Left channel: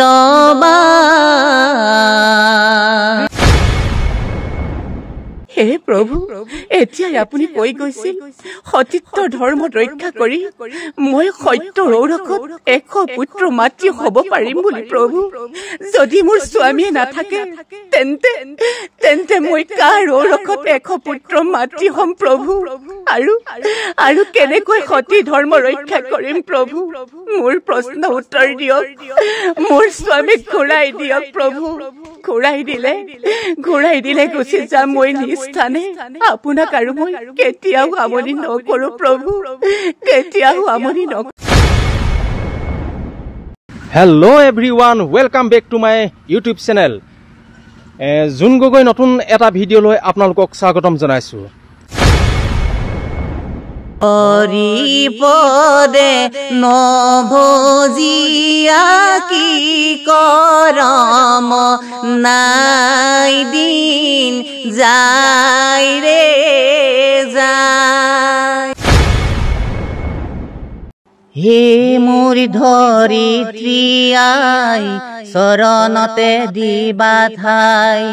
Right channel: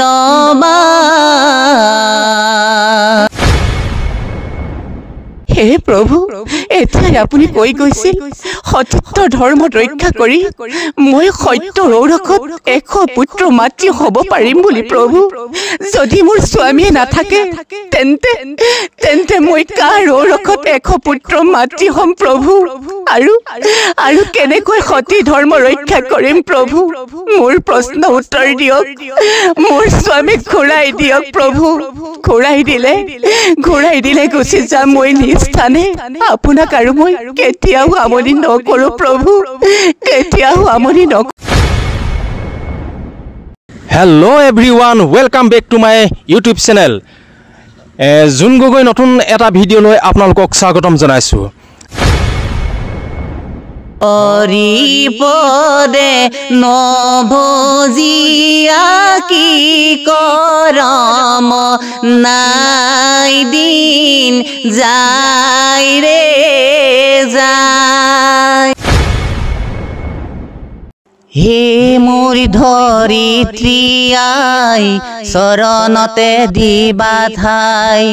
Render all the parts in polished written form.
দবা হে প্ৰভু এতিয়া আপুনি কৈ গৈছে সতীত্ব ধৰ্ম ৰক্ষা কৰি মই সত্য ৰৌৰখত 100 পুত্ৰ মাতৃ হ'ব পাৰিম বুলি প্ৰভু যদি মোৰ স্বামীয়ে নাথাকে তেন্তে মই কাৰ ৰৌৰখত 100 পুত্ৰ মাতৃ হ'ম প্ৰভু আৰু কেনেকৈ সতী ধৰ্ম ৰক্ষা কৰিম প্ৰভু মোৰ প্ৰশ্ন উত্তৰ দিয়ক মোৰ স্বামীক ঘূৰাই দিয়ক প্ৰভু ঘূৰাই দিলে গুচি যাম মই স্থানে আপোনাক আৰু মই কেতিয়াও আমনি নকৰো প্ৰভু কেতিয়াও আমনি নকৰো hello' everyone welcome back to my YouTube channel Jun Gogoi নতুন এটা ভিডিঅ' লৈ আপোনালোকক স্বাগতম জনাইছো অৰিপদে নভজিয়া কি কৰম নাই দিন যায় ৰে যায় হে মোৰ ধৰিত্ৰী আই চৰণতে দিবা ঠাই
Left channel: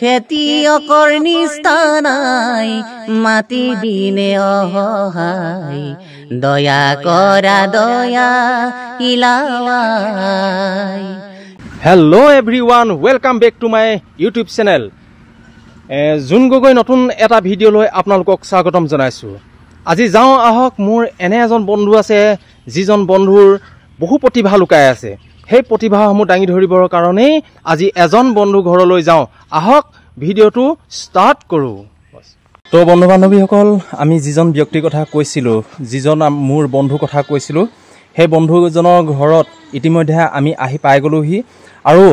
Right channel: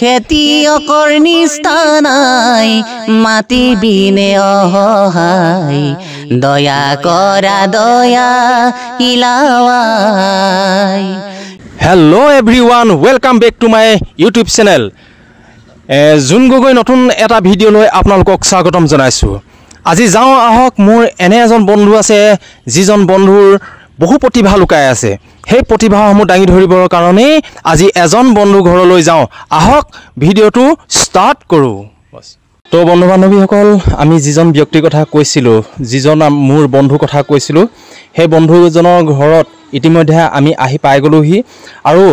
খেতিয়কৰ নিস্তানাই মাটি বিনে অসহায় দয়া কৰা দয়া ইলাৱাই hello' everyone welcome back to my YouTube channel Jun Gogoi নতুন এটা ভিডিঅ' লৈ আপোনালোকক স্বাগতম জনাইছো আজি যাওঁ আহক মোৰ এনে এজন বন্ধু আছে যিজন বন্ধুৰ বহু প্ৰতিভা লুকাই আছে সেই প্ৰতিভাসমূহ দাঙি ধৰিবৰ কাৰণে আজি এজন বন্ধু ঘৰলৈ যাওঁ আহক ভিডিঅ'টো ষ্টাৰ্ট কৰোঁ তো বন্ধু বান্ধৱীসকল আমি যিজন ব্যক্তিৰ কথা কৈছিলোঁ যিজন মোৰ বন্ধুৰ কথা কৈছিলোঁ সেই বন্ধুজনৰ ঘৰত ইতিমধ্যে আমি আহি পাই গ'লোহি আৰু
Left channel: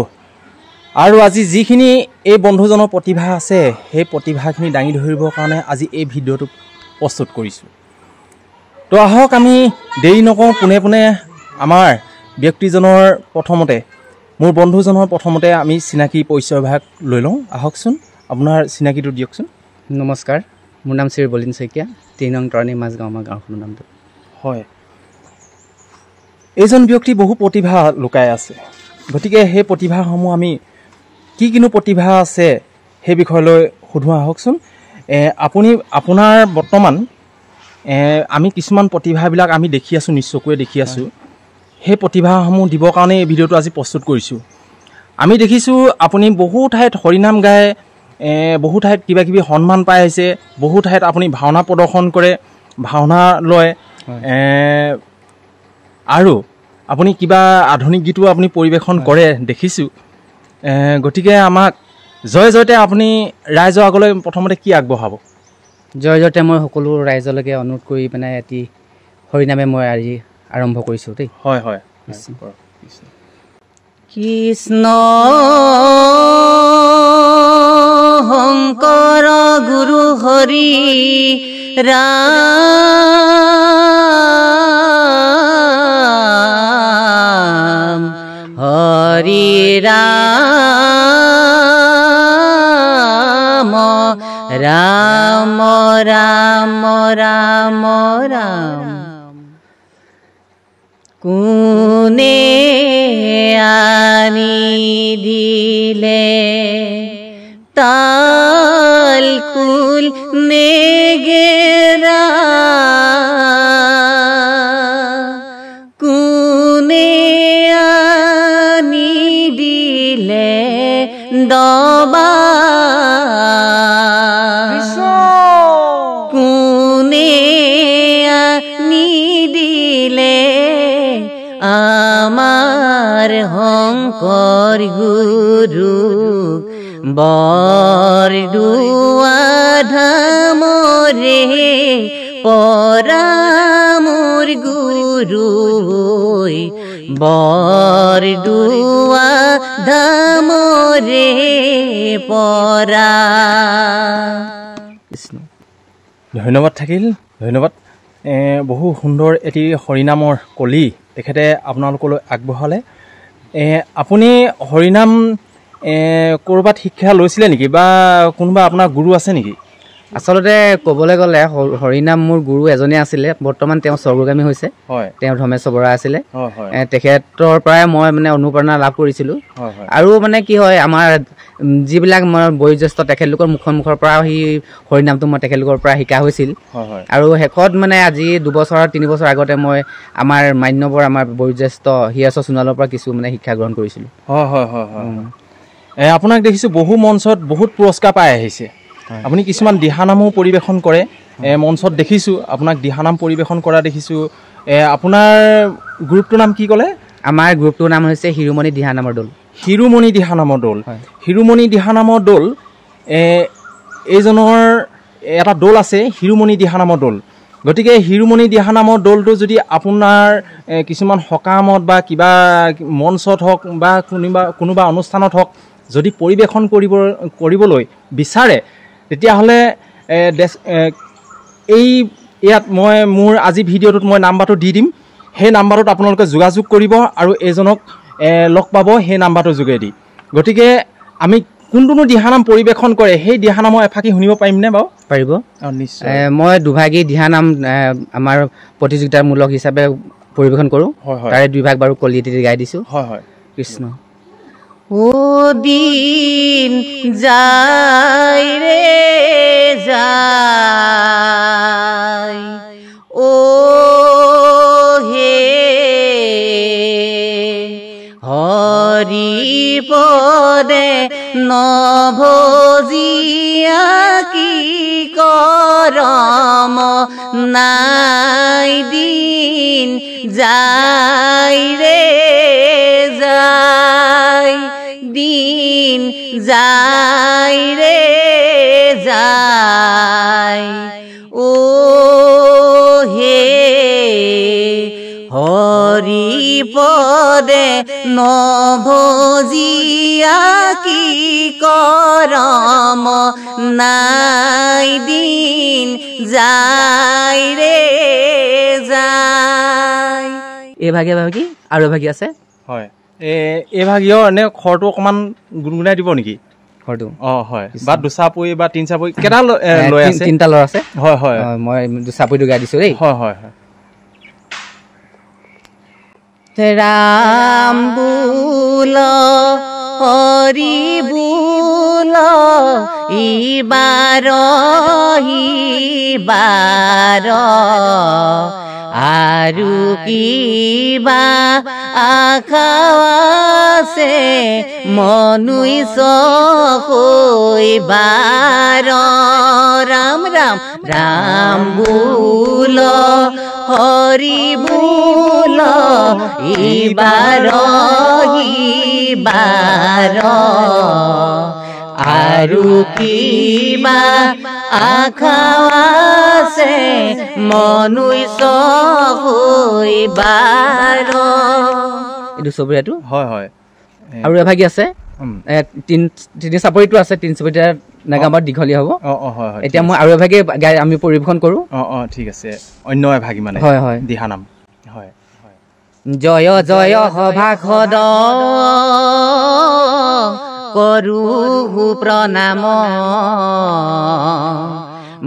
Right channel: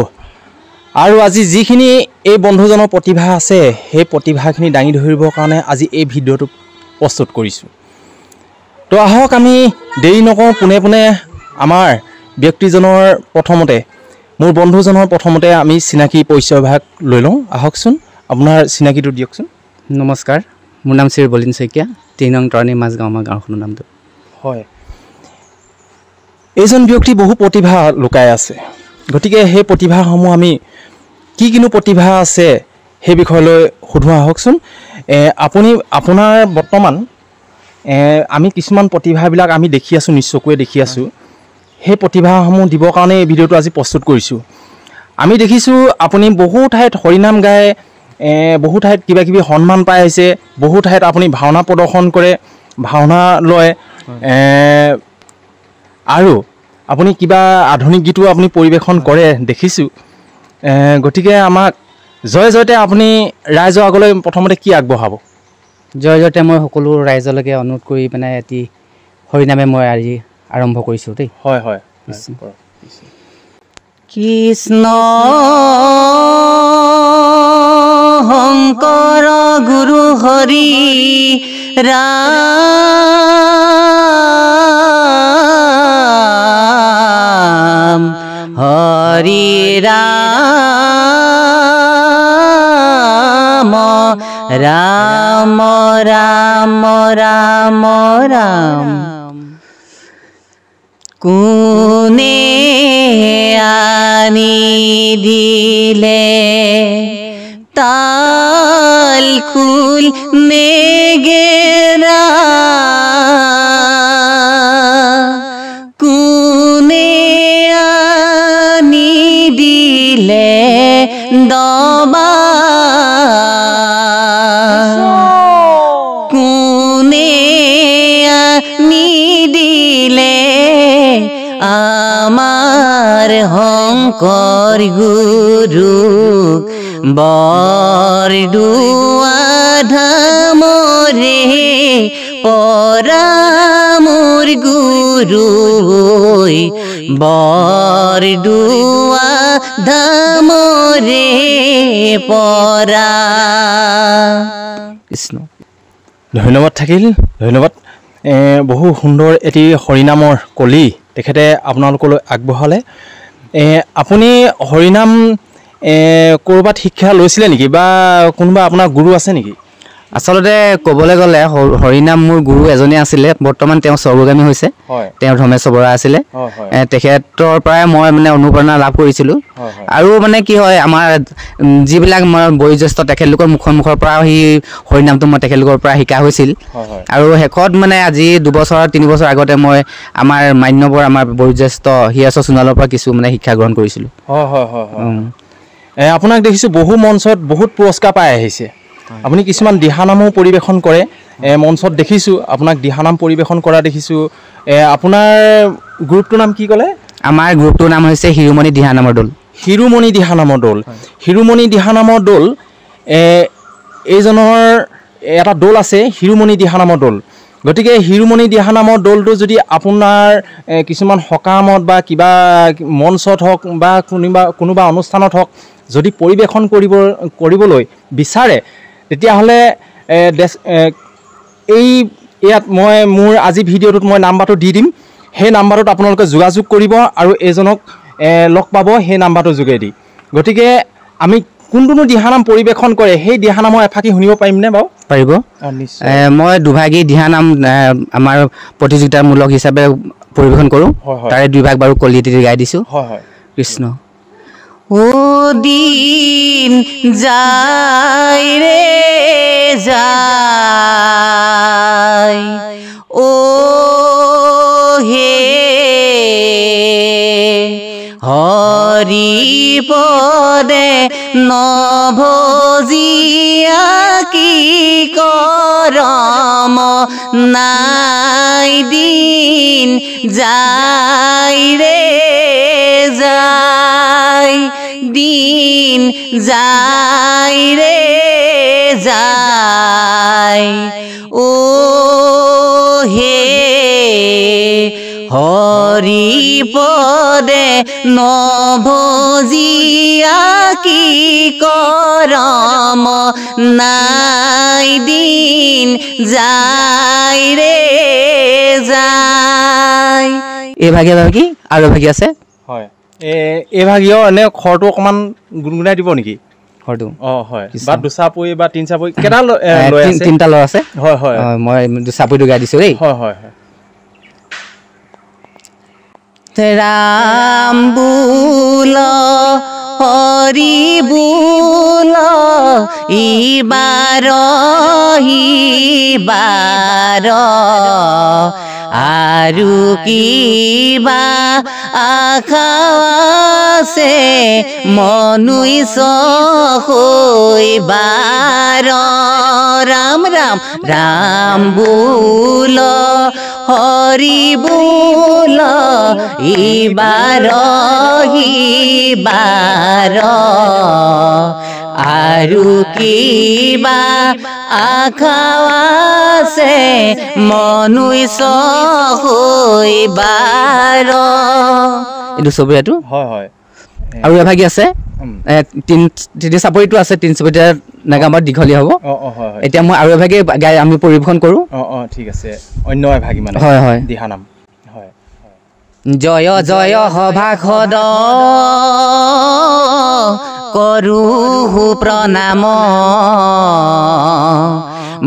আজি যিখিনি এই বন্ধুজনৰ প্ৰতিভা আছে সেই প্ৰতিভাখিনি দাঙি ধৰিবৰ কাৰণে আজি এই ভিডিঅ'টো প্ৰস্তুত কৰিছোঁ তো আহক আমি দেৰি নকৰোঁ পোনে পোনে আমাৰ ব্যক্তিজনৰ প্ৰথমতে মোৰ বন্ধুজনৰ প্ৰথমতে আমি চিনাকি পৰিচয়ভাগ লৈ লওঁ আহকচোন আপোনাৰ চিনাকিটো দিয়কচোন নমস্কাৰ মোৰ নাম শ্ৰী বলিন শইকীয়া 3 নং তৰণী মাজগাঁও আমাৰ গাঁওখনৰ নামটো হয় এইজন ব্যক্তি বহু প্ৰতিভা লুকাই আছে গতিকে সেই প্ৰতিভাসমূহ আমি কিনো প্ৰতিভা আছে সেই বিষয়লৈ সুধো আহকচোন আপুনি আপোনাৰ বৰ্তমান আমি কিছুমান প্ৰতিভাবিলাক আমি দেখি আছোঁ নিশ্চয়কৈ দেখি আছোঁ সেই প্ৰতিভাসমূহ দিবৰ কাৰণে এই ভিডিঅ'টো আজি প্ৰস্তুত কৰিছোঁ আমি দেখিছোঁ আপুনি বহু ঠাইত হৰিনাম গায় বহু ঠাইত কিবা কিবি সন্মান পাই আহিছে বহু ঠাইত আপুনি ভাওনা প্ৰদৰ্শন কৰে ভাওনা লয় আৰু আপুনি কিবা আধুনিক গীতো আপুনি পৰিৱেশন কৰে দেখিছোঁ গতিকে আমাক জয় জয়তে আপুনি ৰাইজৰ আগলৈ প্ৰথমতে কি আগবঢ়াব জয় জয়তে মই সকলো ৰাইজলৈকে অনুৰোধ কৰি মানে এটি হৰিনামে মই আজি আৰম্ভ কৰিছোঁ দেই হয় হয় কৃষ্ণ শংকৰ গুৰু হৰি ৰাম হৰি ৰাম ৰাম ৰাম ৰাম ৰাম কোনে আনি দিলে তাল খুল নেগেৰা কোনে আনি দিলে দবা কোনে আনি দিলে আমাৰ শংকৰ গুৰুক বৰদুৱা ধামৰে পৰা মোৰ গুৰু বৰদুৱা ধামৰে পৰা কৃষ্ণ ধন্যবাদ থাকিল ধন্যবাদ বহু সুন্দৰ এটি হৰিনামৰ কলি তেখেতে আপোনালোকলৈ আগবঢ়ালে আপুনি হৰিনাম ক'ৰবাত শিক্ষা লৈছিলে নেকি বা কোনোবা আপোনাৰ গুৰু আছে নেকি আচলতে ক'বলৈ গ'লে হৰিনাম মোৰ গুৰু এজনে আছিলে বৰ্তমান তেওঁ স্বৰ্গগামী হৈছে তেওঁ ধৰ্মেশ্বৰ বৰা আছিলে তেখেতৰ পৰাই মই মানে অনুপ্ৰেৰণা লাভ কৰিছিলোঁ আৰু মানে কি হয় আমাৰ যিবিলাক আমাৰ বয়োজ্যেষ্ঠ তেখেতলোকৰ মুখৰ পৰা সেই হৰিনামটো মই তেখেতলোকৰ পৰা শিকা হৈছিল আৰু শেষত মানে আজি 2 বছৰ 3 বছৰ আগতে মই আমাৰ মান্যবৰ আমাৰ বয়োজ্যেষ্ঠ হিয়াছ সোণোৱালৰ পৰা কিছু মানে শিক্ষা গ্ৰহণ কৰিছিলোঁ আপোনাক দেখিছোঁ বহু মঞ্চত বহুত পুৰস্কাৰ পাই আহিছে আপুনি কিছুমান দিহানামো পৰিৱেশন কৰে মঞ্চত দেখিছোঁ আপোনাক দিহানাম পৰিৱেশন কৰা দেখিছোঁ আপোনাৰ গ্ৰুপটোৰ নাম কি ক'লে আমাৰ গ্ৰুপটোৰ নাম হৈছে হিৰুমণি দিহানামৰ দল হিৰুমণি দিহানামৰ দল হিৰুমণি দিহানামৰ দল এইজনৰ এটা দল আছে হিৰুমণি দিহানামৰ দল গতিকে হিৰুমণি দিহানামৰ দলটো যদি আপোনাৰ কিছুমান সকামত বা কিবা মঞ্চত হওক বা কোনোবা অনুষ্ঠানত হওক যদি পৰিৱেশন কৰিবলৈ বিচাৰে তেতিয়াহ'লে ইয়াত মই মোৰ আজি ভিডিঅ'টোত মই নাম্বাৰটো দি দিম সেই নাম্বাৰটোত আপোনালোকে যোগাযোগ কৰিব আৰু এজনক লগ পাব সেই নাম্বাৰটোৰ যোগেদি গতিকে আমি কোনটো দিহানাম পৰিৱেশন কৰে সেই দিহানামৰ এফাকি শুনিব পাৰিমনে বাৰু পাৰিব মই দুভাগী দিহানাম আমাৰ প্ৰতিযোগিতামূলক হিচাপে পৰিৱেশন কৰোঁ তাৰে 2 ভাগ বাৰু কলিয়াতি গাই দিছোঁ কৃষ্ণ ও দিন যায় রে যায় ও হে হরি পদে নভজিয়া কি করম নাই দিন যায় রে যায় দিন যায় রে যায় ও হে হরি পদে নভজিয়া কি করম নাই দিন যায় রে যায় এই ভাগে কি আৰু ভাগি আছে হয় এই ভাগিও এনে খৰটো অকণমান গুণগুণাই দিব নেকি খৰটো হয় বা দুচাপৰি বা তিনিচাপৰি কেইটা লৈ আছে 3টা লৈ আছে হয় মই দুচাপৰিটো গাই দিছোঁ দেই হয় ৰাম বুল হৰি বুল ইবাৰ আৰু কিবা আশা আছে মনুষ্য হৈবাৰ ৰাম ৰাম ৰাম বুল হৰি বুল ইবাৰ আৰু কিবা আশা আছে মনুষ্য হৈবাৰ এইটো চবৰীয়াটো হয় আৰু এভাগি আছে তিনি চাপৰিটো আছে 3 চাপৰিটা নাগামৰ দীঘলীয়া হ'ব এতিয়া মই আৰু এভাগি গাই আমি পৰিৱেশন কৰোঁ ঠিক আছে অন্য এভাগি মানে হয় দিহানাম হয় জয় জয় সভাসদ কৰোঁ প্ৰণাম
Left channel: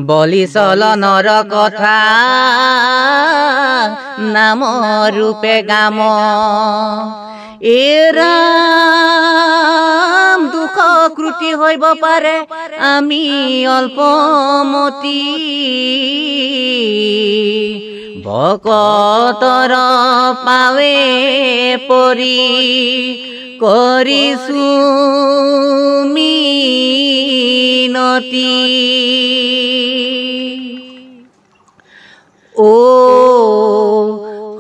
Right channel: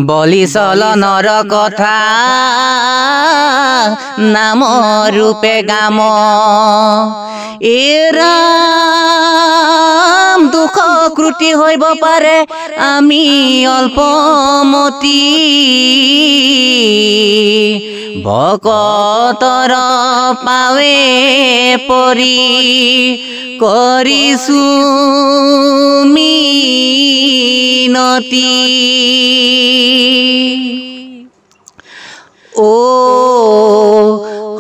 বলি চলনৰ কথা নাম ৰূপে গাম এৰাম দুখ ক্ৰুটি হৈব পাৰে আমি অল্পমতি ভকতৰ পাৱে পৰি কৰিছোঁ মিনতি ও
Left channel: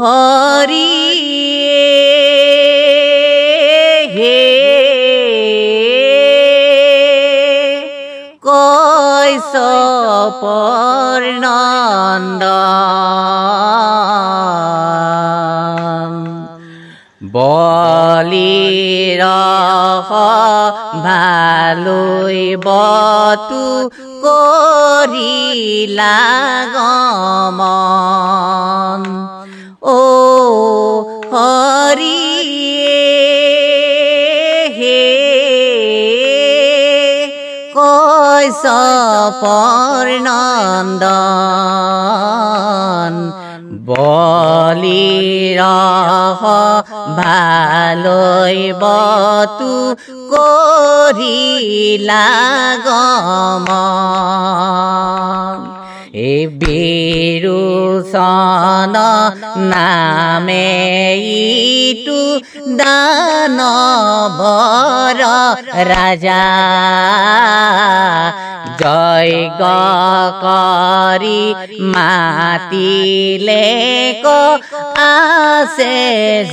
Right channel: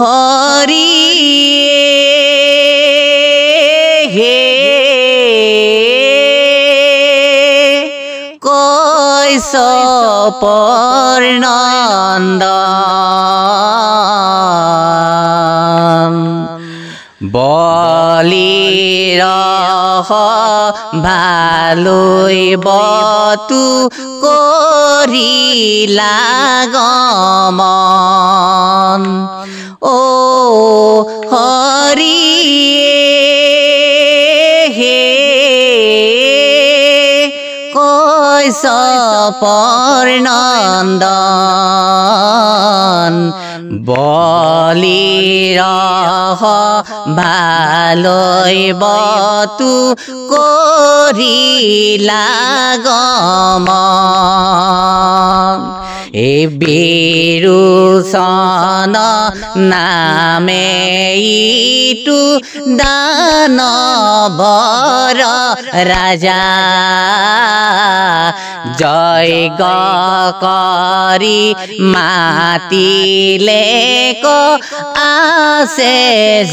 হৰি হে কৈশপৰ নন্দন বলিৰ ভালৈ বতু কৰিলা গমন ও হৰি হে কৈশ পৰনন্দন বলিৰ ভালৈ বতু কৰিলা গমন এই বিৰোচন নামে ইটো দানৱৰ ৰাজা জয় কৰি মাতিলে ক আছে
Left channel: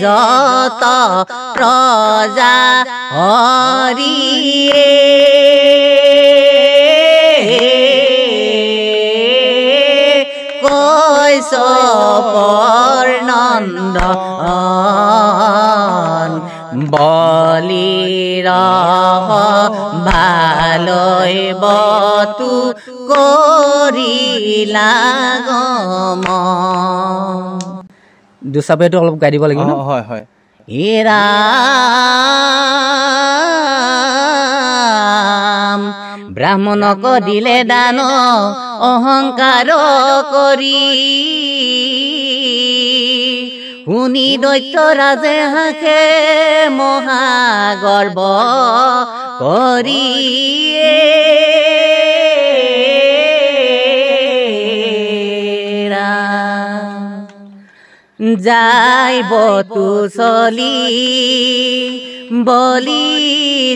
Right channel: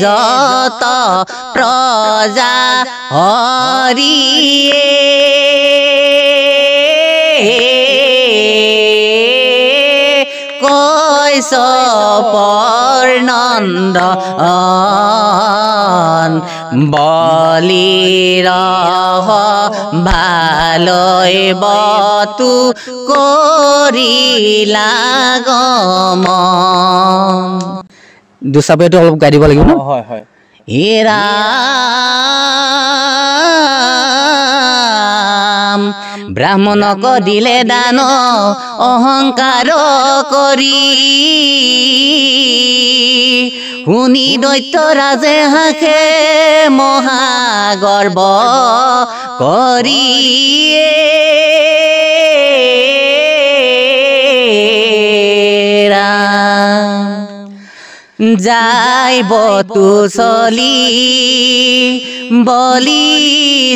যত প্ৰজা হৰিয়ে কৈছ পৰনন্দন বলিৰ ভালৈ বতু কৰিলা গমন দুচাপেটো অলপ গাই দিব লাগিব হয় হয় হেৰা ব্ৰাহ্মণক দিলে দান অহংকাৰ কৰি শুনি দৈত্য ৰাজে হাসে মহাগৰ্ব কৰি যাই বতু চলি বলি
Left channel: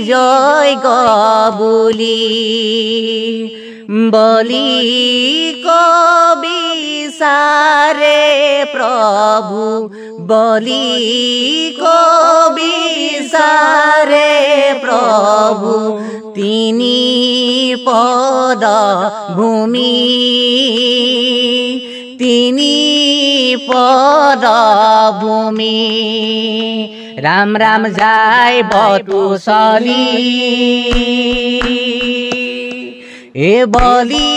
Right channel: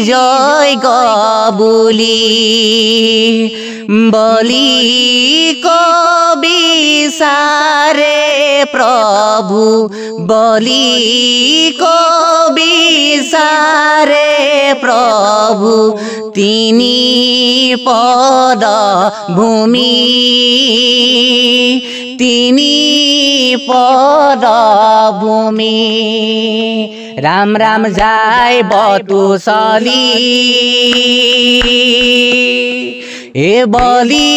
জয় বুলি বলি কবিচাৰে প্ৰভু বলি কবিচাৰে প্ৰভু তিনি পদ ভূমি তিনি পদ ভূমি ৰাম ৰাম যায় বতু চলি এ বলি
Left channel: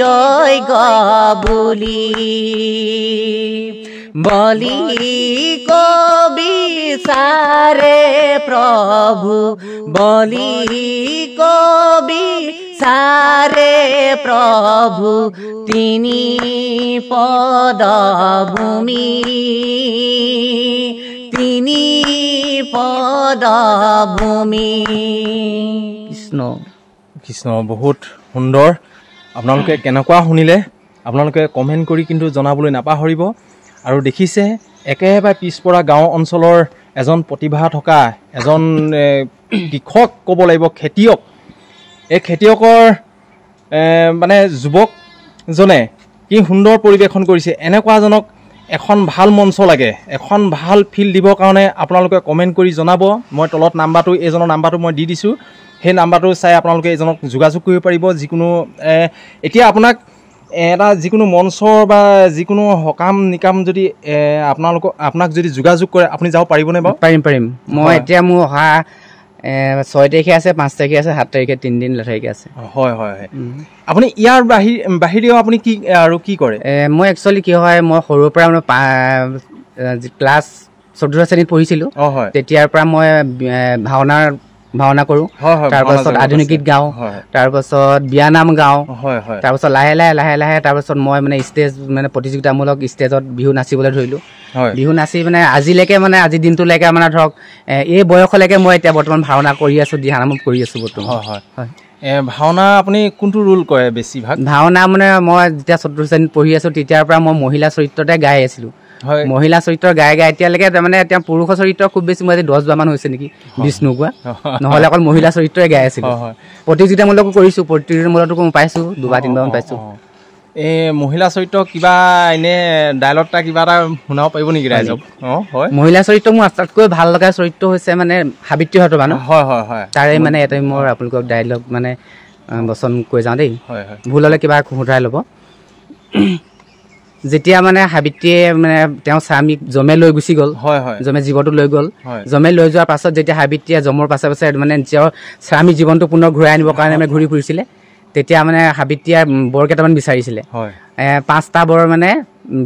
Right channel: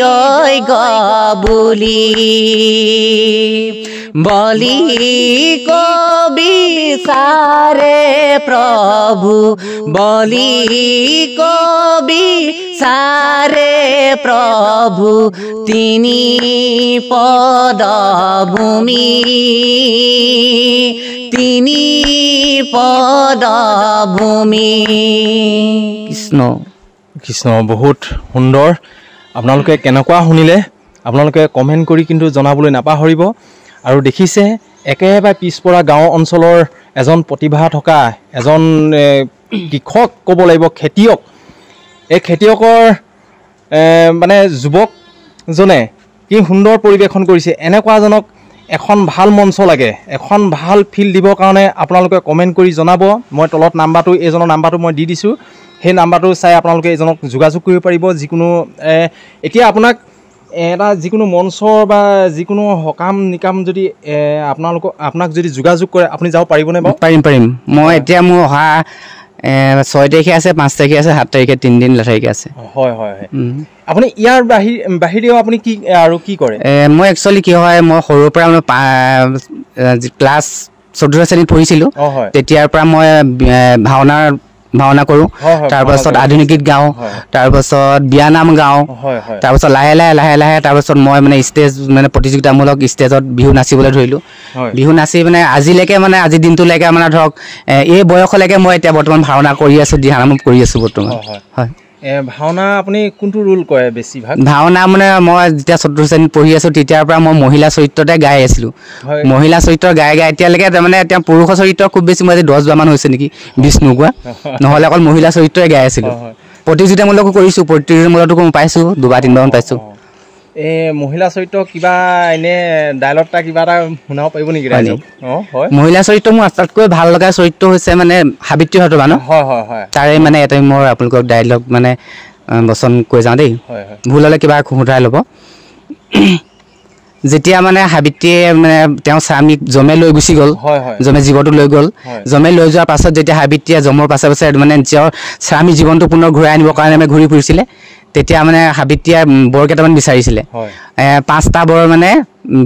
জয় বুলি বলি কবিচাৰে প্ৰভু বলি কবিচাৰে প্ৰভু তিনি পদ ভূমি তিনি পদ ভূমি কৃষ্ণ কৃষ্ণ বহুত সুন্দৰ আপোনালোকে কেনেকুৱা শুনিলে আপোনালোকে কমেণ্ট কৰি কিন্তু জনাবলৈ নাপাহৰিব আৰু দেখিছে একেবাৰে পিছপৰা গাঁও অঞ্চলৰ এজন প্ৰতিভা থকা এজন কৃষক ক'ব লাগিব খেতিয়ক এই খেতিয়কৰ মানে যুৱকজনে কি সুন্দৰ পৰিৱেশন কৰিছে এনেকুৱাজনক এখন ভাল মঞ্চ লাগে এখন ভাল ফিল্ড দিবৰ কাৰণে আপোনালোকে কমেণ্ট কৰি জনাব মই তলত নাম্বাৰটো এইজনৰ নাম্বাৰটো মই দি দিছোঁ সেই নাম্বাৰটো চাই আপোনালোকে এইজনক যোগাযোগ কৰিব পাৰিব যিকোনো এতিয়া এটা যিকোনো মঞ্চৰ বা যিকোনো সকাম নিকাম যদি আপোনাক যদি যোগাযোগ কৰে আপুনি যাব পাৰিবনে বাৰু পাৰিম মই এতিয়া মোৰ অহা 6 তাৰিখে আছে 5 তাৰিখে আছে 7 তাৰিখে 3 দিন তাৰিখে আছে হয় হয় আপুনি ইয়াৰ বাহিৰেও আপুনি কি আৰু কি কৰে মই একচুৱেলি কি হয় মই সৰুৰ পৰা মানে ক্লাছ 14 শ্ৰেণীত পঢ়িছিলোঁ তেতিয়াৰ পৰা মই ভাওনা কৰোঁ তাৰপাছত আধুনিক গীত গাওঁ তাৰপাছত বিয়ানাম গাওঁ তাৰপাছত লাহে লাহে তাৰপাছত মই মানে ষ্টেজ মানে প্ৰতিযোগিতামূলক ষ্টেজত বিহু নাচিবলৈ ধৰিলোঁ বিহু নাচি মানে আজিলৈকে মানে আজিৰ দিনটোলৈকে মানে ধৰক এই বয়সলৈকে মই এতিয়া বৰ্তমান ভাওনা কৰি আছোঁ দিহানাম কৰি আছোঁ বৰ্তমান হয় ভাওনা আপুনি কোনটো ৰোল কৰে বেছিভাগ ভাওনা মানে মই যেতিয়া 14 শ্ৰেণীত পঢ়ি আছোঁ তেতিয়াৰ পৰা মই মহিলা চৰিত্ৰতে গাই আছিলোঁ মহিলা চৰিত্ৰ গাই এতিয়ালৈকে তাৰমানে এতিয়া পুৰুষৰ চৰিত্ৰ খুব বেছি মই আজি 10 বাৰমান হৈছে নেকি বিষ্ণু কোৱা নহ'লে অকল মহিলা চৰিত্ৰই গাই আছিলোঁ প্ৰতিযোগিতামূলকো কৰিছোঁ প্ৰতিযোগিতামূলকো পাইছোঁ 2-3বাৰমান পাইছোঁ এই মহিলা চৰিত্ৰ কিবা এনে ডায়লগ এটা কিবা এটা শুনাব পাৰিব নেকি ৰাইজক হয় মহিলা চৰিত্ৰ মোৰ আটাইতকৈ ভাল লগা চৰিত্ৰ হৈছে মানে সাবিত্ৰী হতবা ন হয় হয় হয় তাৰে মানে এটা মোৰ আপোনালোকক ডায়লগ মানে বচন কৈ যাওঁ দেই ভুল হ'লে কিবা শুধাই ল'ব যেতিয়া মানে সাবিত্ৰীয়ে মানে তেওঁ স্বামীক জমে লৈ গুচি গ'ল জমে জীৱনটো লৈ গ'ল জমে লৈ যোৱাৰ পাছত যেতিয়া সাবিত্ৰীয়ে জমৰ পাছে মানে নিজৰ স্বামী জীৱনটো পুনৰ ঘূৰাই আনিবৰ কাৰণে মানে ঘূৰি ফুৰিছিলে তেতিয়া মানে সাবিত্ৰীয়ে বৰ কেইটামান বিচাৰিছিলে 5টা বৰ মানে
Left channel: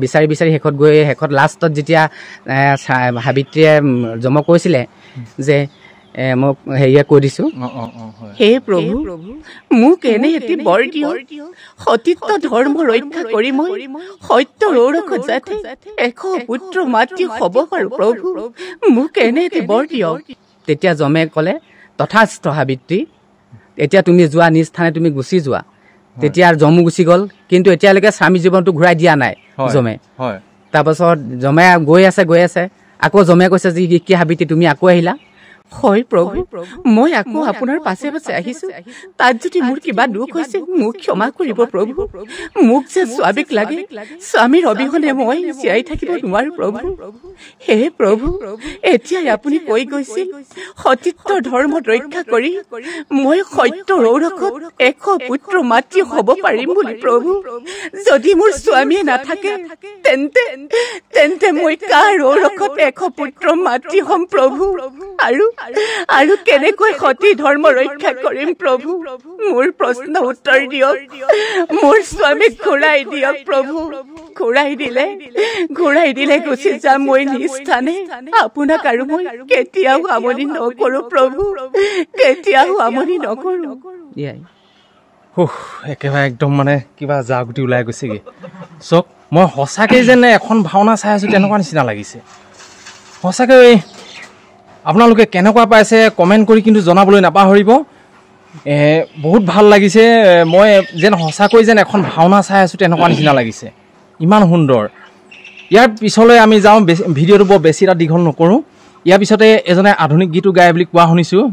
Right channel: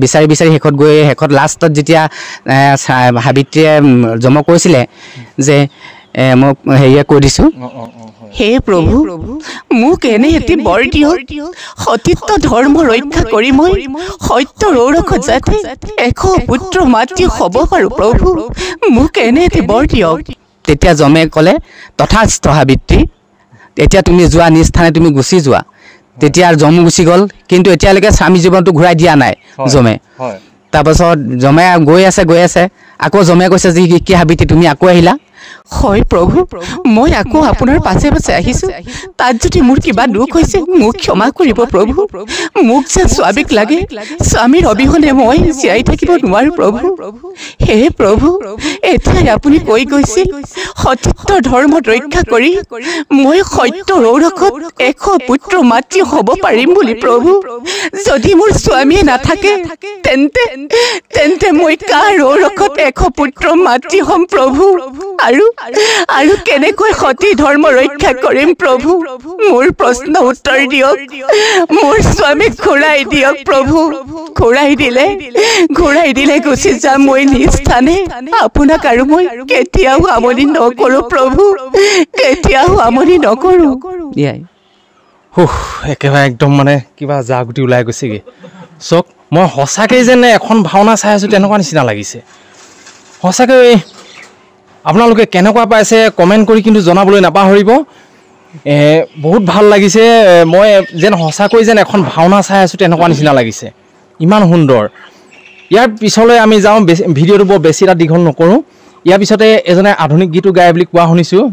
বিচাৰি শেষত লাষ্টত যেতিয়া সাবিত্ৰীয়ে জমক কৈছিলে যে মোক হেৰিয়ে কৈ দিছোঁ। হে প্ৰভু, মোক এনে এটি বৰ দিয়ক, সতীত্ব ধৰ্ম ৰক্ষা কৰি মই সত্যৰ ঔৰসত যাতে 100 পুত্ৰ মাতৃ হ'ব পাৰোঁ। প্ৰভু, মোক এনে এটি বৰ দিয়ক। তেতিয়া যমে ক'লে, তথাস্থ সাবিত্ৰী, এতিয়া তুমি যোৱা নিজ স্থানে তুমি গুচি যোৱা। তেতিয়া যমো গুচি গ'ল, কিন্তু এতিয়ালৈকে স্বামী জীৱনটো ঘূৰাই দিয়া নাই যমে। তাৰপাছত যমে গৈ আছে, আকৌ যমে কৈছে যে কি সাবিত্ৰী তুমি আকৌ আহিলা? হয় প্ৰভু, মই আকৌ আপোনাৰ পাছে পাছে আহিছোঁ। তাত যদি মোৰ কিবা দুখ হৈছে মোক ক্ষমা কৰিব প্ৰভু। মোক যে স্বামীক লাগে, স্বামীৰ অবিহনে মই জীয়াই থাকিব নোৱাৰোঁ প্ৰভু। হে প্ৰভু, এতিয়াই আপুনি কৈ গৈছিল সতীত্ব ধৰ্মত ৰক্ষা কৰি মই সত্যৰ ঔৰসত 100 পুত্ৰ মাতৃ হ'ব পাৰিম বুলি প্ৰভু। যদি মোৰ স্বামীয়ে নাথাকে তেন্তে মই কাৰ ঔৰসত 100 পুত্ৰ মাতৃ হ'ম প্ৰভু? আৰু কেনেকৈ সতী ধৰ্ম ৰক্ষা কৰিম প্ৰভু? মোৰ প্ৰশ্ন উত্তৰ দিয়ক। মোৰ স্বামীক ঘূৰাই দিয়ক প্ৰভু। ঘূৰাই দিলে গুচি যাম মই নিজ স্থানে। আপোনাক আৰু মই কেতিয়াও আমনি নকৰোঁ প্ৰভু, কেতিয়াও আমনি নকৰোঁ। একেবাৰে একদম মানে কিবা জাগুটি ওলাই গৈছেগৈ। চাওক, মই সঁচাকৈ যেন এখন ভাওনা চাই আছোঁ তেনেকুৱা নিচিনা লাগিছে। সঁচাকৈ আপোনালোকে কেনেকুৱা পাইছে কমেণ্ট কৰি কিন্তু জনাবলৈ নাপাহৰিব। বহুত ভাল লাগিছে। মই যেন সঁচাকৈ যেন এখন ভাওনা চাই আছোঁ তেনেকুৱা নিচিনা লাগিছে, ইমান সুন্দৰ। ইয়াৰ পিছলৈ আমি যাওঁ, ভিডিঅ'টো বৰ বেছি এটা দীঘল নকৰোঁ। ইয়াৰ পিছতে এজনে আধুনিক গীতো গায় বুলি কোৱা শুনিছোঁ,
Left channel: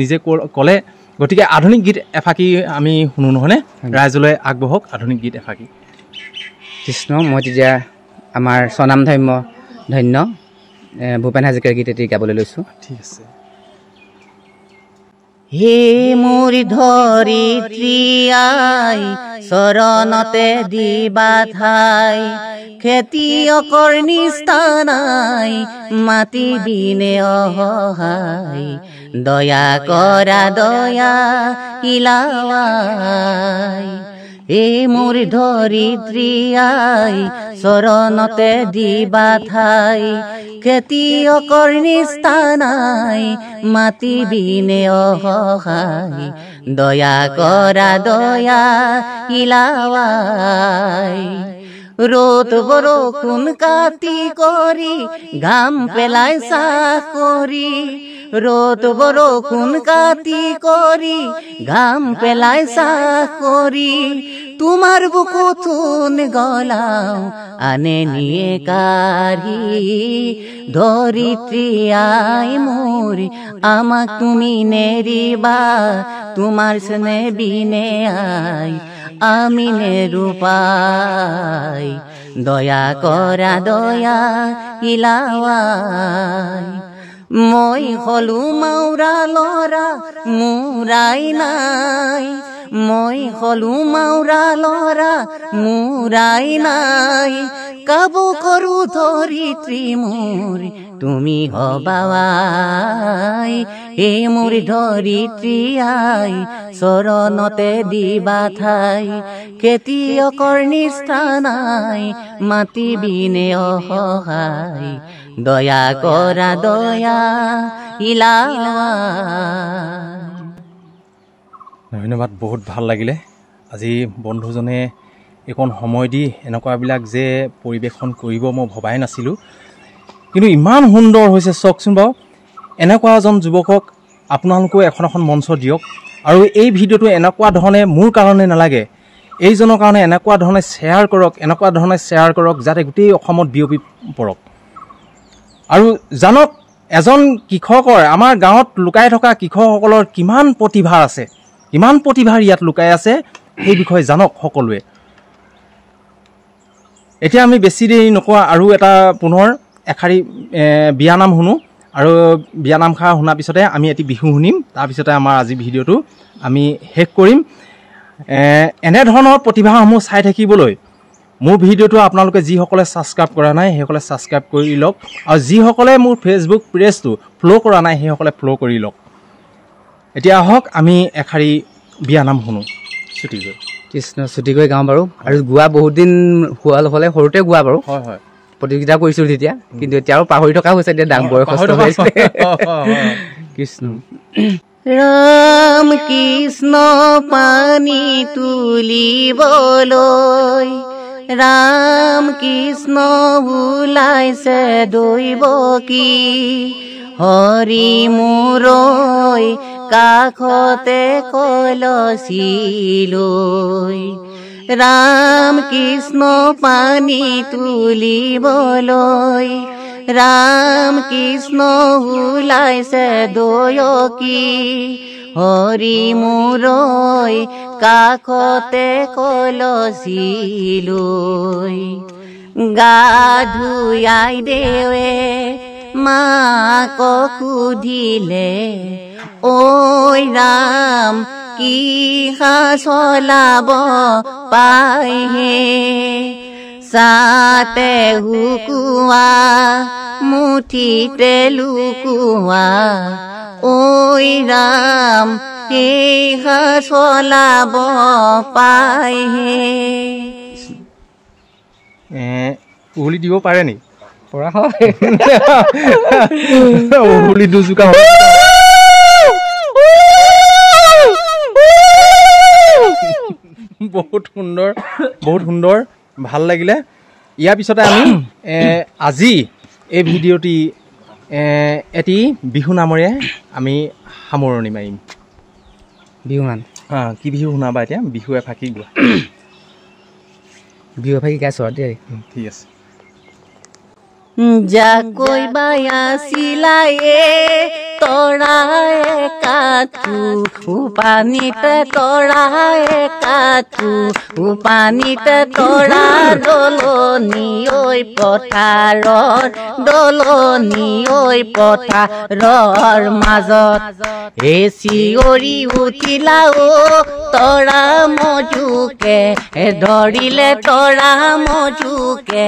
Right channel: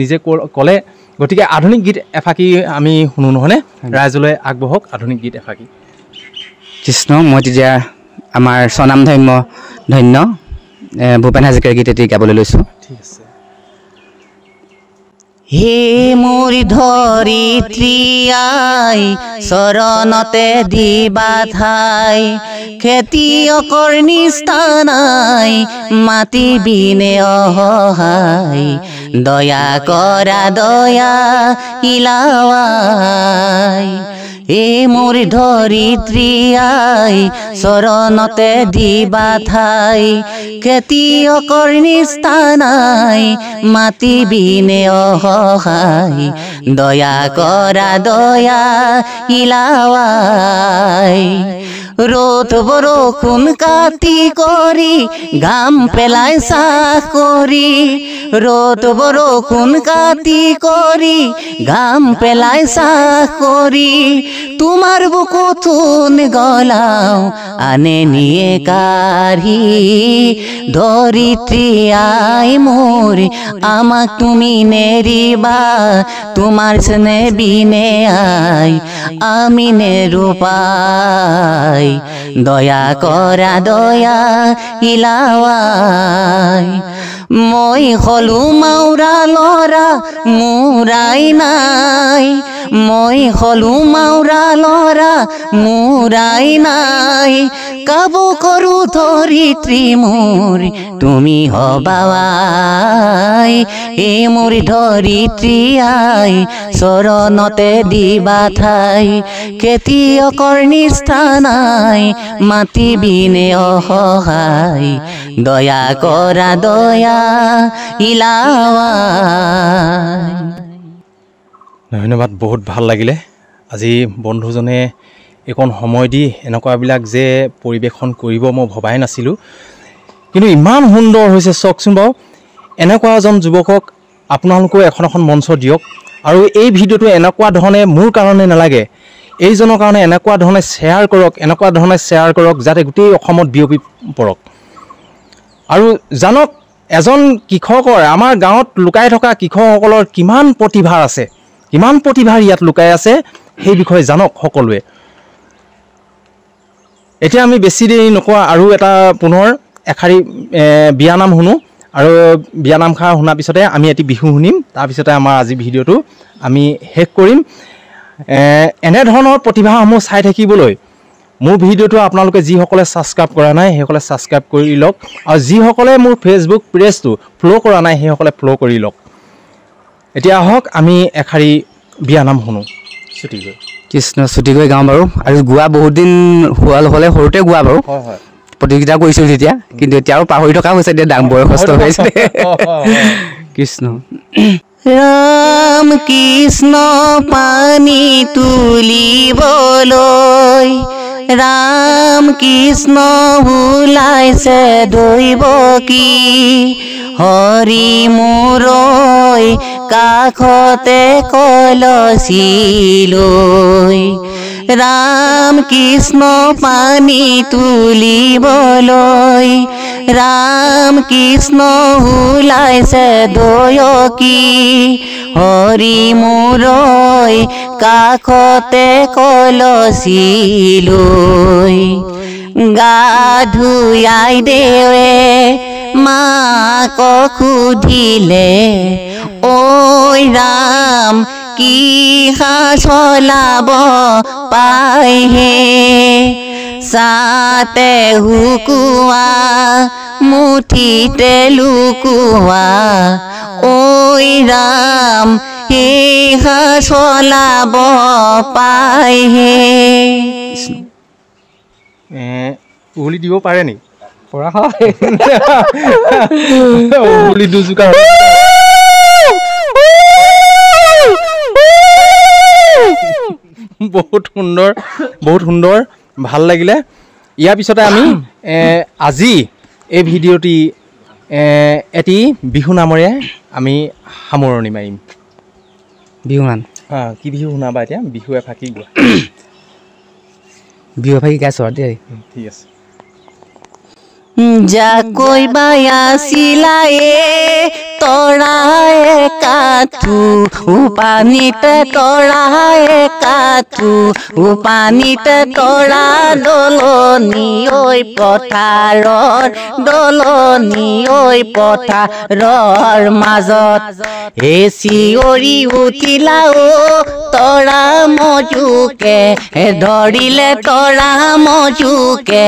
নিজে ক'লে। গতিকে আধুনিক গীত এফাকি আমি শুনো নহয়নে? ৰাইজলৈ আগবঢ়ক আধুনিক গীত এফাকি। কৃষ্ণ, মই তেতিয়া আমাৰ স্বনাম ধন্য ভূপেন হাজৰিকাৰ গীত এটি গাবলৈ লৈছোঁ। ঠিক আছে। হে মোৰ ধৰিত্ৰী আই, চৰণতে দিবা ঠাই, খেতিয়কৰ নিস্তানাই, মাটি বিনে অসহায়, দয়া কৰা দয়া ইলাৱাই। হে মোৰ ধৰিত্ৰী আই, চৰণতে দিবা ঠাই, খেতিয়কৰ নিস্তানাই, মাটি বিনে অসহায়, দয়া কৰা দয়া ইলাৱাই। ৰ'দ বৰষুণ কাটি কৰি ঘাম পেলাই চাহ কৰি, ৰ'দ বৰষুণ কাটি কৰি ঘাম পেলাই চাহ কৰি, তোমাৰ বুকুথোন গলাও আনে নিয়ে কাঢ়ি, ধৰিত্ৰী আই মোৰ আমাক তুমি নেৰিবা, তোমাৰ স্নেহ বিনে আই আমি নেৰো পাই, দয়া কৰা দয়া ইলাৱাই। মই হলো মাউৰা ল'ৰা মোৰাই নাই, মই হলো মাউৰা ল'ৰা মোৰাই নাই, কাবু কৰো ধৰিত্ৰী মোৰ তুমি হবাই। এ মোৰ ধৰিত্ৰী আই, চৰণতে দিবা ঠাই, খেতিয়কৰ নিস্তানাই, মাটি বিনে অসহায়, দয়া কৰা দয়া ইলাৱাই। ধন্যবাদ, বহুত ভাল লাগিলে। আজি বন্ধুজনে এইকণ সময় দি এনেকুৱাবিলাক যে পৰিৱেশন কৰিব মই ভবাই নাছিলোঁ, কিন্তু ইমান সুন্দৰ হৈছে। চাওকচোন বাৰু, এনেকুৱা এজন যুৱকক আপোনালোকেও এখন মঞ্চ দিয়ক, আৰু এই ভিডিঅ'টো এনেকুৱা ধৰণে মোৰ কাৰণে নালাগে, এইজনৰ কাৰণে এনেকুৱা ধৰণে শ্বেয়াৰ কৰক যাতে গোটেই অসমত বিয়পি পৰক। আৰু জানক, এজন কৃষকৰ, আমাৰ গাঁৱত লুকাই থকা কৃষকসকলৰ কিমান প্ৰতিভা আছে, কিমান প্ৰতিভা ইয়াত লুকাই আছে, সেই বিষয়ে জানক সকলোৱে। এতিয়া আমি বেছি দেৰি নকৰা, আৰু এটা পুনৰ এষাৰি বিয়ানাম শুনো, আৰু বিয়ানামষাৰ শুনাৰ পিছতে আমি এটি বিহু শুনিম। তাৰপিছতে আমাৰ আজি ভিডিঅ'টো আমি শেষ কৰিম। এনেধৰণৰ প্ৰতিভাসমূহ চাই থাকিবলৈ মোৰ ভিডিঅ'টো আপোনালোকে যিসকলে ছাবস্ক্ৰাইব কৰা নাই সেইসকলে ছাবস্ক্ৰাইব কৰি লওক, আৰু যিসকলে মোৰ ফেচবুক পেজটো ফ'ল' কৰা নাই সেইসকলে ফ'ল' কৰি লওক। এতিয়া আহক আমি এষাৰি বিয়ানাম শুনো। ছুটিকৈ কৃষ্ণ, ছুটিকৈ গাওঁ বাৰু। আৰু গোৱা বহুত দিন হ'লে সৰুতে গোৱা বাৰু, হয় প্ৰতিযোগিতা কৰিছিলোঁ তেতিয়া, কিন্তু এতিয়াও পাহৰি থকা হৈছে, এতিয়া বয়সস্থ হৈছে। কৃষ্ণ ৰাম কৃষ্ণ পানী তুলিবলৈ ৰাম কৃষ্ণ ওলাইছে দৈব কি হৰি মূৰৈ কাষতে কলচি লৈ ৰাম কৃষ্ণ পানী তুলিবলৈ ৰাম কৃষ্ণ ওলাইছে দয়কী হৰি মূৰৈ কাষতে কলচি লৈ গা ধুয়াই দেৱে মাকক সুধিলে ঐ ৰাম কি চলাব পাইহে চাতে হুকুৱা মুঠিতে লুকুৱা ঐ ৰাম সেহা চলাব পাইহে উঘলি দিব পাৰে নি পৰা হয় উঘলি দুজোকা বহুত সুন্দৰ ভাল লাগিলে ইয়াৰ পিছতে আমি আজি এই ভিডিঅ'টি এটি বিহু নামেৰে আমি সামৰণি মাৰিম বিহু গান কি বিহু শুনাবা এতিয়া বিহু এফাকি গোৱা বিহু এফাকি গাইছোঁ আৰু দেই ঠিক আছে যাকৈ বায়াছিলা তৰাই কাঠু পানীতে তৰাই কাঠু পানীতে তৰা দলনি ঐ পথাৰৰ দলনি ঐ পথাৰৰ মাজত চিঞৰি উঠিলা তৰা মজুকে ধৰিলে তৰা মজুকে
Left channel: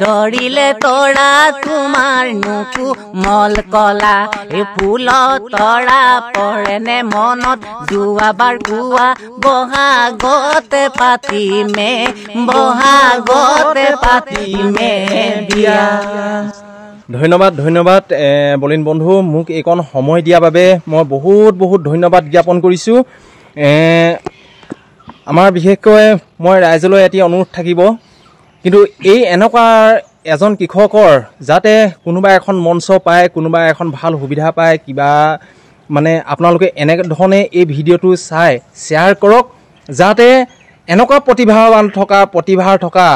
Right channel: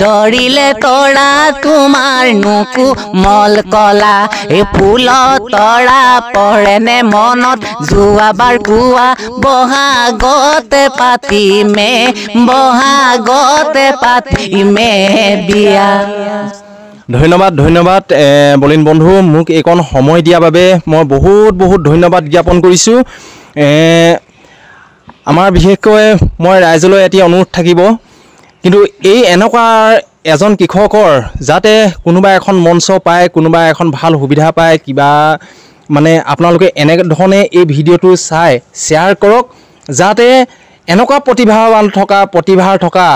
ধৰিলে তৰা তোমাৰ নুকু মল কলা ফুলত তৰা পৰেনে মনত যোৱাবাৰ কোৱা বহাগতে পাতিমে বিয়া ধন্যবাদ বলিন বন্ধু মোক এইকণ সময় দিয়াৰ বাবে মই বহুত ধন্যবাদ জ্ঞাপন কৰিছোঁ আমাৰ বিশেষকৈ মই ৰাইজলৈ এটি অনুৰোধ থাকিব কিন্তু এই এনেকুৱা এজন কৃষকৰ যাতে কোনোবা এখন মঞ্চ পায় কোনোবা এখন ভাল সুবিধা পায় কিবা মানে আপোনালোকে এনেধৰণে এই ভিডিঅ'টো চাই শ্বেয়াৰ কৰক যাতে এনেকুৱা প্ৰতিভাৰ থকা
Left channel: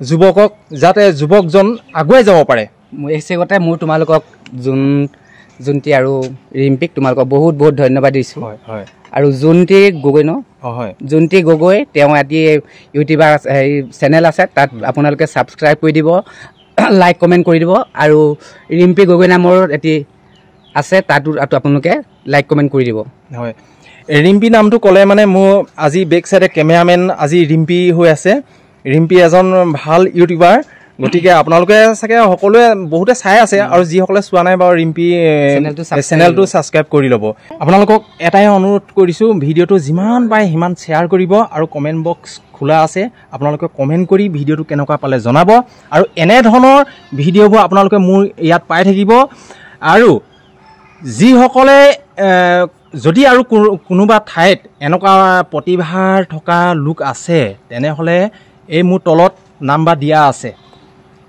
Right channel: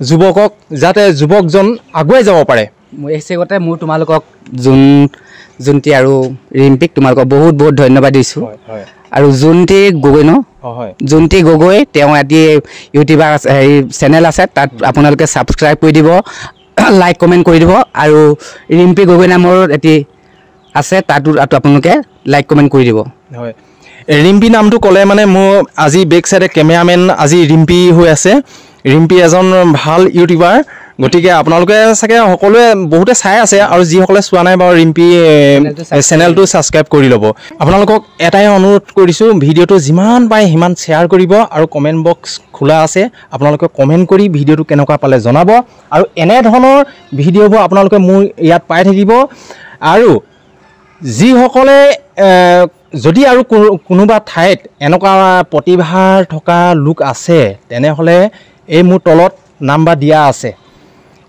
যুৱকক যাতে যুৱকজন আগুৱাই যাব পাৰে এই চেগতে মোৰ তোমালোকক জোনটি আৰু ৰিম্পিক তোমালোকক বহুত ধন্যবাদ দিছোঁ আৰু জোনটি গগৈ ন জোনটি গগৈ তেওঁ এটি ইউটিউবাৰ আছে হেৰি চেনেল আছে তাত আপোনালোকে ছাবস্ক্ৰাইব কৰি দিব লাইক কমেণ্ট কৰি দিব আৰু ৰিম্পি গগৈ নামৰ এটি আছে তাতো আপোনালোকে লাইক কমেণ্ট কৰি দিব হয় ৰিম্পি নামটো ক'লে মানে মোৰ আজি বেক চাইডে কেমেৰামেন আজি ৰিম্পি হৈ আছে ৰিম্পি এজন ভাল ইউটিউবাৰ গতিকে আপোনালোকে চাগে সকলোৱে বহুতে চাই আছে আৰু যিসকলে চোৱা নাই বাৰু ৰিম্পি চেনেলটো ছাবস্ক্ৰাইব কৰি ল'ব আপোনালোকক এটাই অনুৰোধ কৰিছোঁ ভিডিঅ'টো যিমান পাৰে সিমান শ্বেয়াৰ কৰিব আৰু কমেণ্ট বক্স খোলা আছে আপোনালোকে কমেণ্ট কৰি ভিডিঅ'টো কেনেকুৱা পালে জনাব আৰু এনেধৰণৰ ভিডিঅ'বোৰ আপোনালোকে মোৰ ইয়াত পাই থাকিব আৰু যিসকলে যদি আৰু কোনোবা ঠাইত এনেকুৱা প্ৰতিভাৰ থকা লোক আছে তেনেহ'লে এই মোৰ তলত নাম্বাৰ দিয়া আছে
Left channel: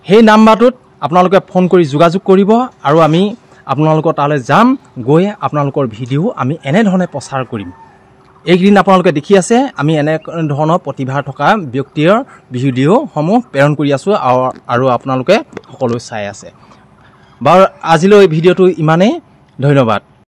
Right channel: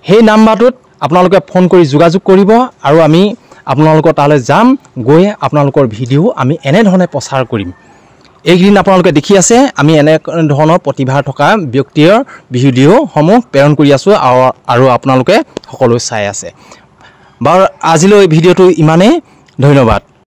সেই নাম্বাৰটোত আপোনালোকে ফোন কৰি যোগাযোগ কৰিব আৰু আমি আপোনালোকৰ তালৈ যাম গৈ আপোনালোকৰ ভিডিঅ' আমি এনেধৰণে প্ৰচাৰ কৰিম এইকেইদিন আপোনালোকে দেখি আছে আমি এনেধৰণৰ প্ৰতিভা থকা ব্যক্তিৰ ভিডিঅ'সমূহ প্ৰেৰণ কৰি আছোঁ আৰু আপোনালোকে সকলো চাই আছে বাৰু আজিলৈ ভিডিঅ'টো ইমানেই ধন্যবাদ